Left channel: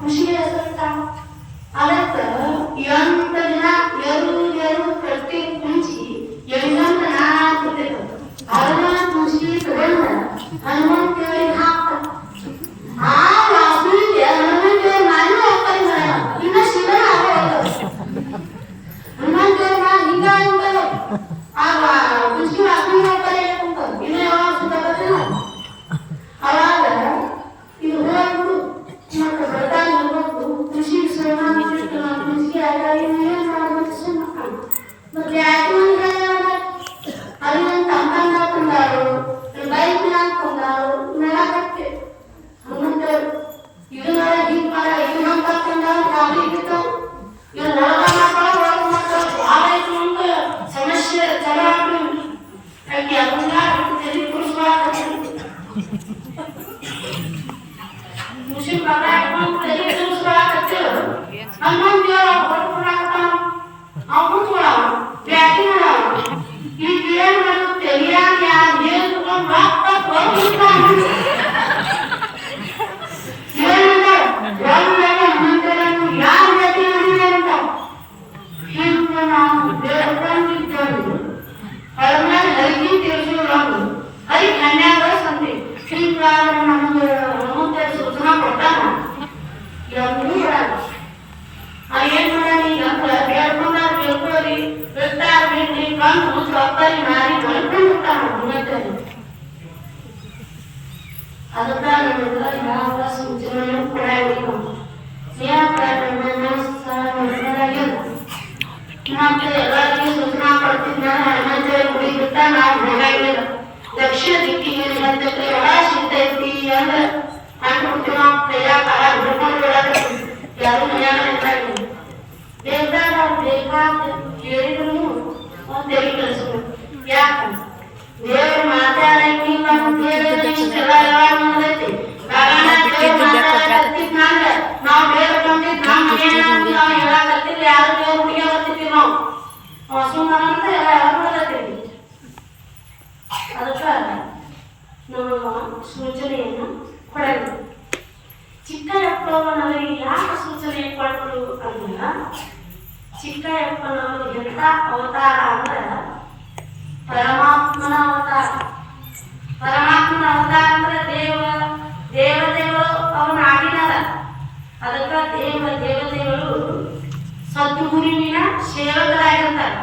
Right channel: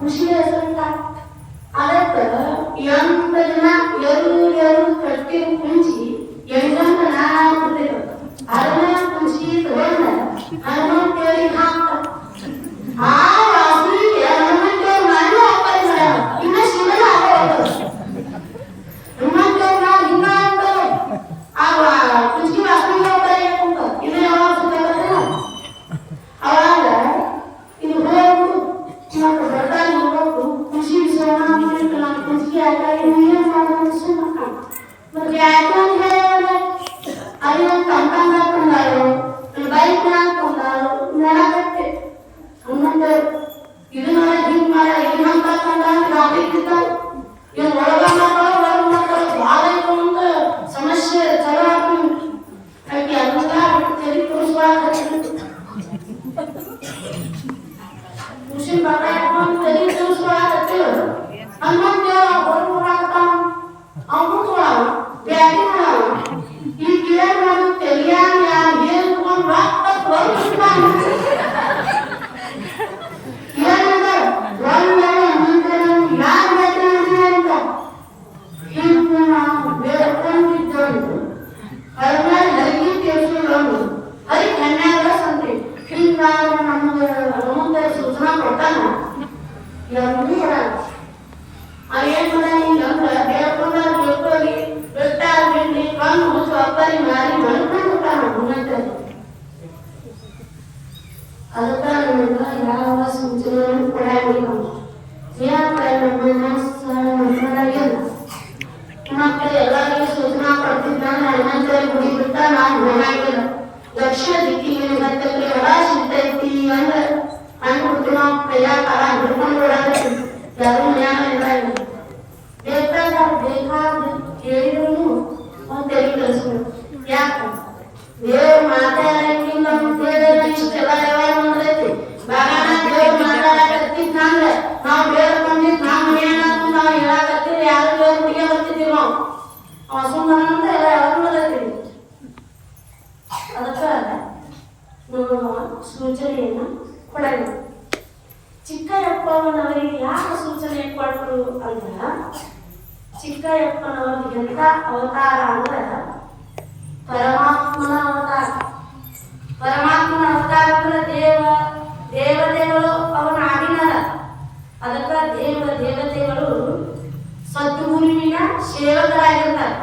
ಖುಷಿ ಹೆಸರಿತ ಅದಕ್ಕೆ ಎಂಟು ದಿನ ಎರಡು ಕಟ್ಟಿ ಕುಂಚಿ ಎಂಟು ನಾಲ್ಕು ಅದನ್ನ ಕುಂಚಿ ತಗೊಂಡ ಹನುಮಂತೇಳಿ ಹಾಕ ಆ ರಾತ್ರಿಗೆ ಹನುಮಂತೇಳಿ ಮಾಡಿ ಹೋಗ್ತಾರೆ ಇನ್ನ ಶಿವನ ಹನುಮಂತೇಳಿ ಹಿಂಗ ಅಂತಾರೆ ಆ ಕುಂಚಿ ವಾಸನೆ ಹೋಗ್ತಾರೆ ಇನ್ನ ಯಾವಾಗ ಸುತ್ತಾಗತ್ತೆ ಅವಾಗ ಇದು ಹೋಗ್ಬಿಡು ಮತ್ತೆ ಬರ್ತಾನೆ ಹೋಗ್ಬಿಡು ಖುಷಿ ಸೋಮ ನಾವು ಖುಷಿ ಆಗಿ ಏನ್ ಮಾಡ್ಬೇಕು ಸುಮ್ಮ ಮತ್ತೆ ಯಾಕೆ అది కంపంగా ಹಾಕೊಂಡಾರು ಬೈಕ್ ಹಾಕೊಂಡಾರು ನೋಡಕತ್ತೆ ಹನುಮಂತರು ಇದು ಮಾಡ ಹಿಂಗ್ ಮಾಡ ಹಿಂಗ್ ಹಾಕೊಂಡಾರು ಟ್ರಾಫಿಕ್ ಇರ್ತಾವ ಇವ್ ಒಳಗ ಭಾಳ ಐತೆ ಅಂತ ಸಮಸ್ಯೆ ಚಲ ಹಾಕಿ ಅದನ್ನ ತೆರಿ ತೋರಿಸುವಾಗ ಖುಷಿ ಹಾಕೊಂಡು ತೆರಿ ತೋರಿಸುವಾಗ ಹನುಮಂತ ಹೊರಬಿಡಾಕತ್ತಾನ ಅವ್ನು ಬ್ಯಾಟಿ ಮಾಡ ಈ ಏನು ತಿಳಿಯಾಗ ಯಾರು ಹೇಳ್ಕೊಂಡು ಯಾರು ಬೇಟಿ ಅಂತ ಹಿಂಗೆ ನಾವು ಬೇಡ್ಕೊಂಡಿದ್ದೆವು ಹೊರಗೆ ಹರಿಗಿ ತಿಳಿಸೋದು ಹರಿ ಕನ್ಯಾಗ ಸಂತೆ ಹಿಂಗ ನಮಗೆ ಹನುಮಂತ ಸೂಚನಾ ಕೊಟ್ಟಾನ ಎಲ್ಲೂ ಬರಲ್ಲ ಏನ್ ಮಾಡ್ಯಾನ ಈಗ ಬೇಡ್ಕೊಂಡಾರ ಬೇಡ್ಕೋರಿ ಬೆಟ್ಟಾರ ಬಿಂಡಿ ಕಂಡು ಸೊಪ್ಪರಿ ಮಾರಿ ಬಳ್ಕೊಂಡಿರ್ತಾನ ಹನುಮಂತರು ಅದಕ್ಕೆ ನಮಗೆ ಯಾವ ಸೂಚನೆಯನ್ನು ಕೊಡಬೇಕು ಮತ್ತೆ ಎಲ್ಲರಿಗೂ ಸೂಚನಾ ಕೊಡ್ತಿದ್ದ ಹನುಮಂತರು ಗುಡಿ ಬಿಟ್ಟ ನಾವು ಹೋಗಂಗಿಲ್ಲ ದಕ್ಷಿಣ ದಿಕ್ಕಿಗೆ ಎಡ ಸಿಗ್ತೈತಿ ಅಂದ್ರೆ ಅನ್ಕೊಡ್ತೀವಿ ನಾವು ಕೈಯ ಕಾಲ ಹಿಡ್ಕೊಂಡು ಓಡಾಡ್ತೀವಿ ಯಾರು ಮನ್ಯಾಗ ಬೇಕಾದ ಕೇಳಿದ್ರು ಒಂದು ತೆರಿ ಕಳಿಸ್ಬೇಕು ಯಾಕೆ ದೇವ್ರು ಮಾತಾಡಂಗಿಲ್ಲ ದೇವರಿಗೆಲ್ಲ ನೋಡೈತಿ ನಾವು ಬೇಡ್ಕೊಂಡಿದ್ದು ನಮ್ಮ ಮನೆಯಾಗ ನಾವು ಹೇಳಕತ್ತೀವಿ ಯಾರು ದೇವ್ರು ಮುಗಿಯಕತ್ತೀವಿ ನಾವು ಸುಮ್ಮನೆ ಅಂತ ಎಲ್ಲ ಯಾರು ಮಾಡತ್ತೀವಿ ಅದಕ್ಕೆ ನಮ್ಮ ಸೂಚನೆಯನ್ನು ಕೊಡಬೇಕು ಚಿಕ್ಕಯ್ಯಪ್ಪನವರಿಗೆ ಯಾಕೆ ಸೂಚನೆ ಕೊಟ್ಟರು ಅಂದ್ರೆ ಚಿಕ್ಕಯ್ಯಪ್ಪನವರು ಎಂಥ ಅವತಾರ ಅಂದ್ರೆ ಪರಮಾತ್ಮನ ಅವತಾರ ಪರಮಾತ್ಮನ ಅವತಾರ ಅಂದ್ರೆ ದೇವತೆಗಳು ಅವನ ಆಗಿನಲ್ಲ ಅದಕ್ಕೆ ದೇವತೆಗಳು ಸದ್ಗುರುವಿನ ಸೇವಕರಾಗಿರ್ತಾರೆ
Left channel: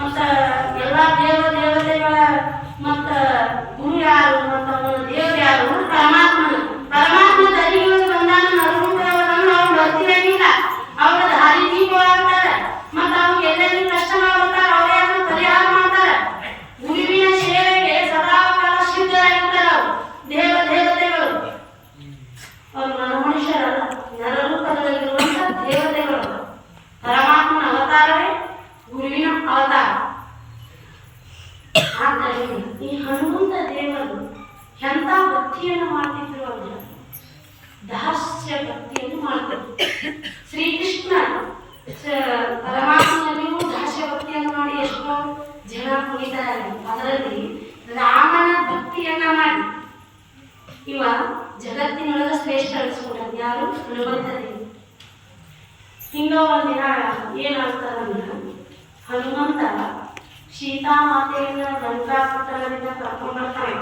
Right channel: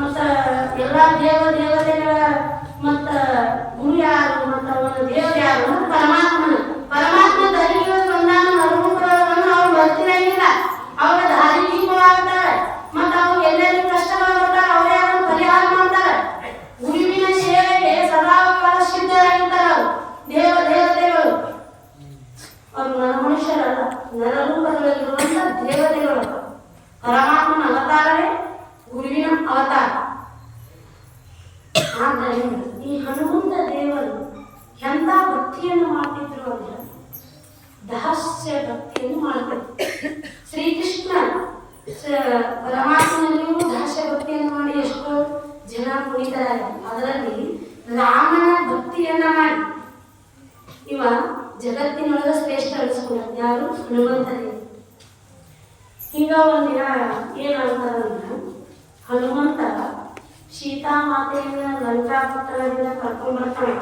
ಮತ್ತ ಎಲ್ಲ ದೇವತೆಗಳ ಮತ್ತ ಗುರು ಯಾರು ಮತ್ತ ಅವನ ದೇವರು ಯಾರು ಪರಮಾತ್ಮನ ಪರಮಾತ್ಮ ದರಿಗಳು ಬಂದಾನ ನರೂಪವನ್ನು ಅವ್ರು ಬರ್ತಿರಂಗಿಲ್ಲ ಅವ್ರ ದಾರಿ ಜೀವವಾಗ್ತಾರೆ ಮತ್ತ ಅವ್ರಿಗೆ ಎಲ್ಲೆಲ್ಲಿ ಕಷ್ಟ ಮಾಡ್ತಾರೆ ಅವ್ರು ಯಾರು ಪರಿಹಾರ ಮಾಡ್ತಾರೆ ಗುರುವಿನ ಸೇವೆಗೆ ಸದಾಕಾಲ ಸಿದ್ಧರಾಗಿರ್ತಾರೆ ಅವರು ದೇವತೆಗಳು ಅವರು ಮನುಷ್ಯರಲ್ಲ ನರರೂಪದಲ್ಲಿರುವಂತ ದೇವತೆಗಳು ಪರಮಾತ್ಮನ ಅವತಾರವೇ ಗುರುವಿನ ಅವತಾರ ಆದ್ದರಿಂದ ಈ ಹನುಮಂತ ದೇವರು ಎಂಥ ಭಕ್ತಿಯನ್ನು ಮಾಡ್ತಿದ್ರು ಅಂದ್ರೆ ದಾಸ್ಯ ಭಕ್ತಿಯನ್ನು ಮಾಡ್ತಿದ್ರು ಶ್ರೀಕೃಷ್ಣ ಪರಮಾತ್ಮನಲ್ಲಿಯೂ ದಾಸ್ಯ ಭಕ್ತಿಯನ್ನು ಮಾಡಿ ಎಷ್ಟೋ ಜನ ಕುಣಿತಾರೆ ಅದರಲ್ಲಿ ರಾಮನ ಭಕ್ತಿಯನ್ನ ಮಾಡಿ ಇವ ಜಗತ್ತಿನೊಳಗ ಶ್ರೇಷ್ಠ ಅನಿಸ್ಕೊಂಡ ಯಾರು ಹನುಮಂತ ದೇವರು ಹಿಂಗ ಒಂದಿನ ಏನಂತಾರಂದ್ರೆ ಹನುಮಂತ ಸೀತಾಮಾತೆಯನ್ನ ಲಂಕಾಪಟ್ಟಣದಿಂದ ಕರ್ಕೊಂಡು ಬರ್ತಾನೆ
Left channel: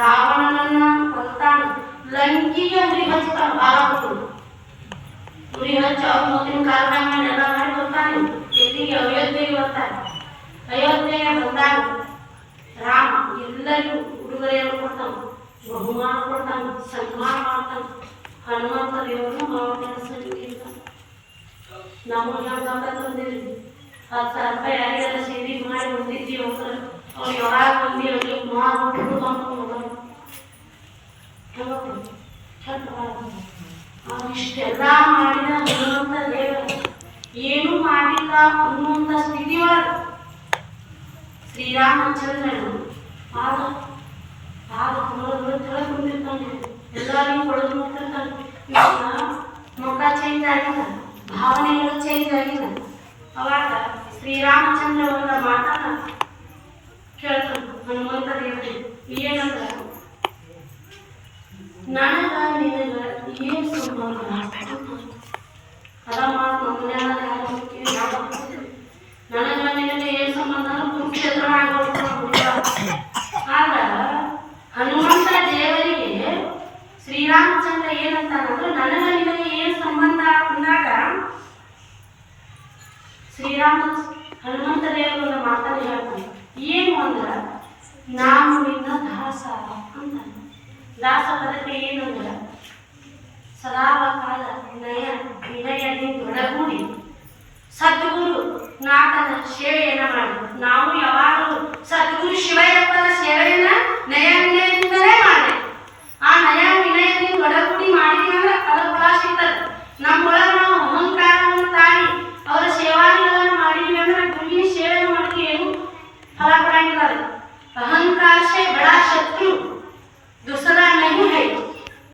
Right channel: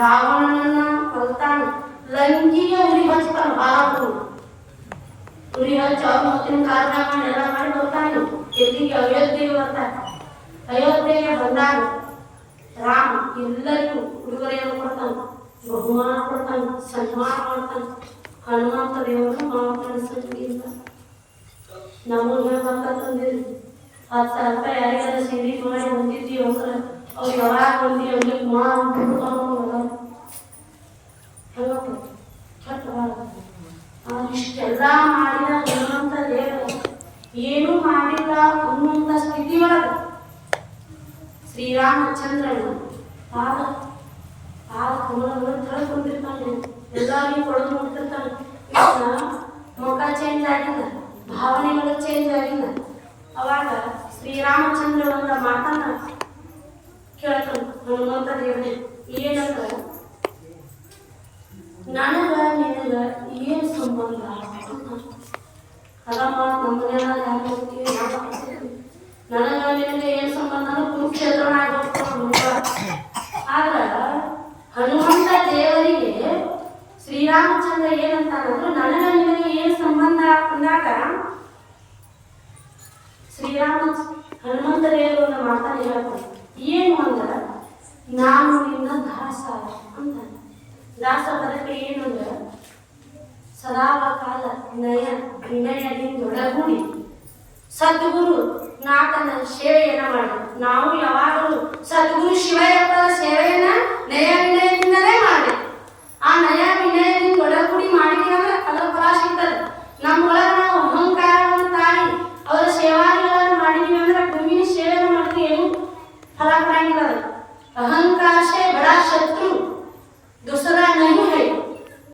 ರಾವಣನನ್ನ ಕೊಲ್ತಾನೆ ಲಂಕಿಗೆ ಉರಿ ಹಚ್ತಾನೆ ಬಾಲಕರು ಉರಿ ಹಚ್ಚ ಮತ್ತಿನ ಕಾರ್ಯಕ್ರಮ ಎಲ್ಲ ಮಾಡಿ ಬರ್ತಾನೆ ಎಲ್ಲಿಗೆ ಅಯೋಧ್ಯೆಗೆ ಬರ್ತಾನೆ ಅಯೋಧ್ಯೆಗೆ ಬಂದಾಗ ರಾಮ ಎಲ್ಲರಿಗೂ ಉಡುಗೊರೆಯನ್ನು ಕೊಡ್ತಾನೆ ಬಹುಮಾನ ಕೊಡ್ತಾನೆ ಸನ್ಮಾನ ಮಾಡ್ತಾನೆ ಹನುಮಂತ ದೇವರು ಮಾತಾಡಿಸಲಿಲ್ಲ ನಮಗೆ ತಂದಿರಿ 10,000 ರೂಪಾಯಿ ಯಾರಿಗಾರ ಸೇರಿ ಮಾಡಿ ಹೊಂದಿದ್ದೀವಿ ಅಂದ್ರೆ ಅವ್ರು ಯಾವಾಗ ಬಂದು ಅವ್ರಿಗೆ ಇಷ್ಟೆಲ್ಲ ಮಾಡಿದ ಹನುಮಂತ ದೇವರು ಏನೂ ಮಾಡಿಲ್ಲ ಅನ್ನುವಂಥ ಸ್ಥಿತಿ ಒಳಗೆ ಶ್ರೀರಾಮಚಂದ್ರನು ತಿಳ್ಕೊಂಡಿರ್ತಾನೆ ಎಲ್ಲರಿಗೂ ಕೊಡೋದು ನೋಡ್ತಿರ್ತಾನೆ ಮುಖ ಚೇಂಜ್ ಆಗಿಲ್ಲ ಭಾವನೆಗಳು ಚೇಂಜ್ ಆಗಿಲ್ಲ ಅವಾಗ ಶ್ರೀರಾಮಚಂದ್ರ ಒಂದು ಮಾತನ್ನ ಕೇಳ್ತಾನೆ ಹನುಮಂತ ದೇವರಿಗೆ ಏನಂತ ನನಗ ನಿನಗ ಏನು ಸಂಬಂಧ ಅದ ಮಾತು ನಮ್ಮ ಮನೆಯಾಗ ನನಗೆ ನಿನಗೆ ಏನು ಸಂಬಂಧ ಕುರುಕ್ಷೇತ್ರ ಆದ್ರೆ ಹನುಮಂತ ದೇವರಿಗೆ ಶ್ರೀರಾಮಚಂದ್ರ ಏನಂತಾನಂದ್ರೆ ನನಗೆ ನಿನಗೆ ಏನು ಸಂಬಂಧ ಅಂದಾಗ ಹನುಮಂತ ದೇವರು ಮಾತಾಡಿ ಹೇಳ್ತಾನೆ ಏನು ಅಂದ್ರೆ ನಾನು ನಿನ್ನ ದಾಸ ಅಂತ. ದಾಸ ಪದಕ್ಕೆ ಏನಂದ್ರೆ ಸದಾವ ಕಾಲ ವಿನಯದಿಂದೊಳಗೂಡಿ ಸದ್ಗುರು ನಾಥನ ಸೇವೆಯನ್ನು ಮಾಡಿ ನಾವು ಯಾವಾಗಲೂ ಸದ್ಗುರು ಶಿವಯ್ಯಪ್ಪನ ಸೇವೆಯನ್ನ ನಯ